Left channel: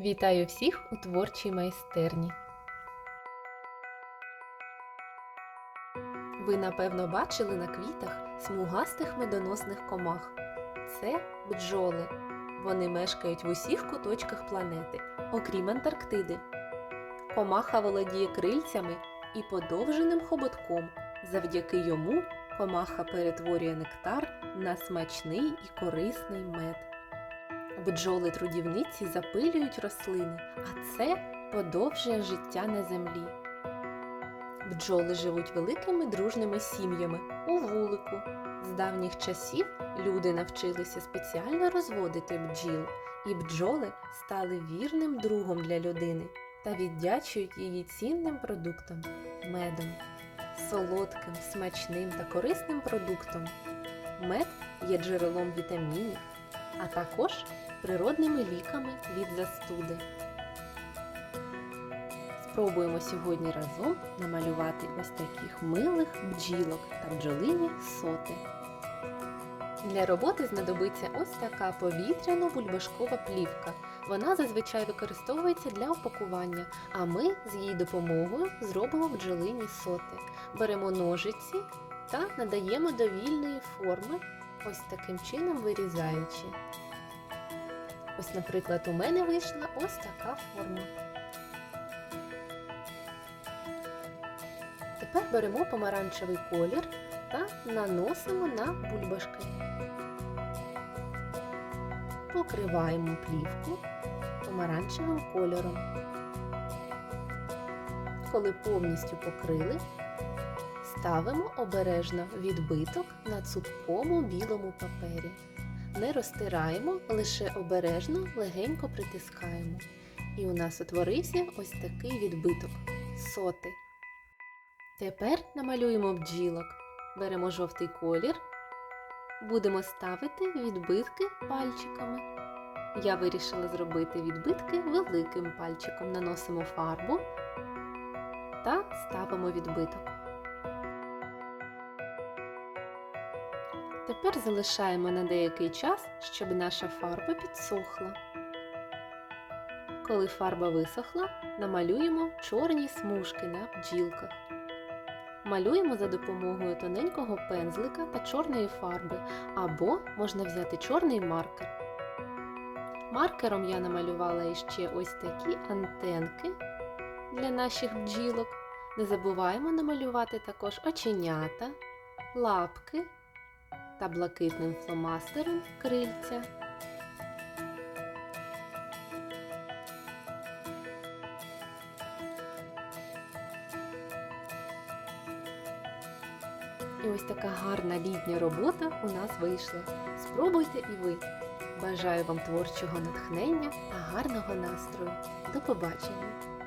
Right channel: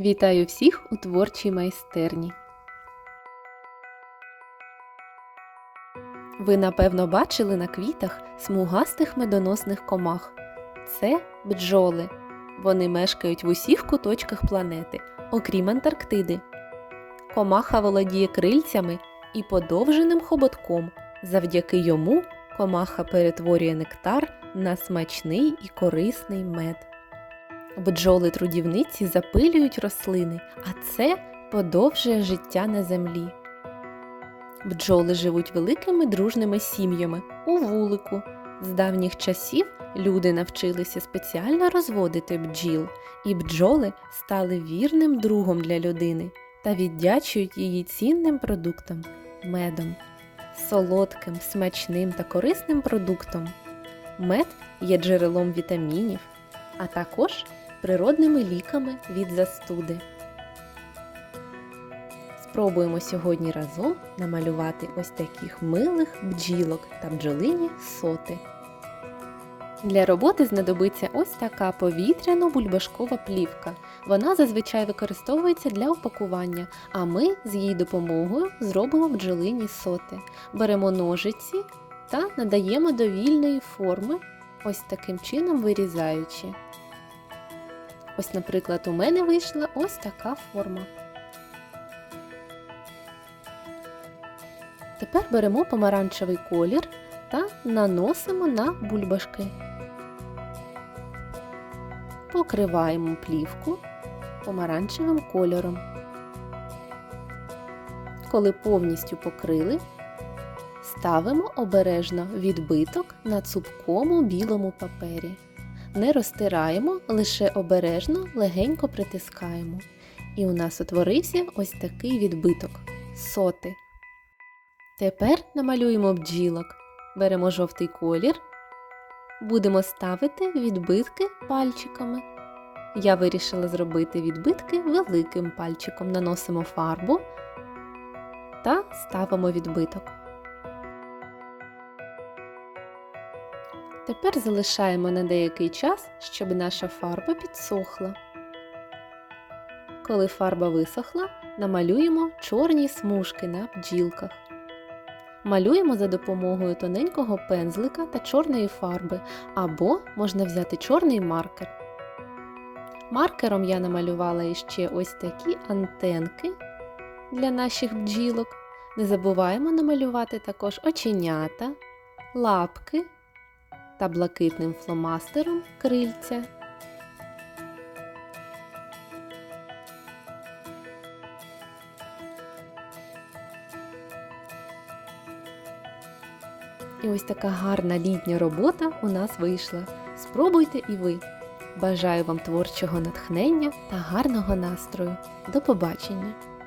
Вітаю всіх у творчій майстерні. Ви напевно бачили на квітах смугастих медоносних комах. Це бджоли. Вони мешкають в усіх куточках планети, окрім Антарктиди. Комаха володіє крильцями і подовженим хоботком. Завдяки йому комаха перетворює нектар на смачний і корисний мед. Бджоли трудівниці запилюють рослини, а це подовжує життя на землі. Бджоли живуть великими дружними сім'ями у вулику. З давніх часів люди навчилися спеціально розводити бджіл, і бджоли стали вірним другом для людини та віддячують її цінним продуктам медом, солодким, смачним та корисним продуктом. Мед є джерелом вітамінів, а також природними ліками від застуди. Спробуємо сьогодні разом намалювати ось таких милих бджілок та бджолині соти. Для роботи знадобиться ось така повітряно-бульбашкова плівка. Вона зазвичай використовується для упакування, а ми з її допомогою зробимо бджолині соти. Беремо ножиці та надаємо до вільної форми, ось таким чином вирізаючи. Ось, наприклад, у мене вийшла ось така форма. Тепер беремо помаранчевий колір та наносимо на бульбашки. Покриваємо плівку помаранчевим кольором. Коли повністю покрили, ставимо обережно відбиток на цупкому білому папері. Не розтираємо, лише обережно легенько притискаємо. І у нас утворився ось такий відбиток соти. Тепер намалюємо бджілок. Беремо жовтий колір. Будемо ставити відбитки пальчиками. Я вирішила зробити відбитки великим пальчиком. Наносимо фарбу та ставимо відбиток. Тепер залишаємо на деякий час, щоб наша фарба підсохла. Коли фарба висохла, намалюємо чорні смужки на бджілках. Малюємо за допомогою тоненького пензлика та чорної фарби, або можна взяти чорний маркер. Маркером я намалювала іще ось такі антенки для наших бджілок. Не забуваємо намалювати також оченята, лапки та блакитним фломастером крильця. І ось така гарна літня робота у нас вийшла. Спробуйте і ви. Бажаю вам творчого натхнення та гарного настрою. До побачення!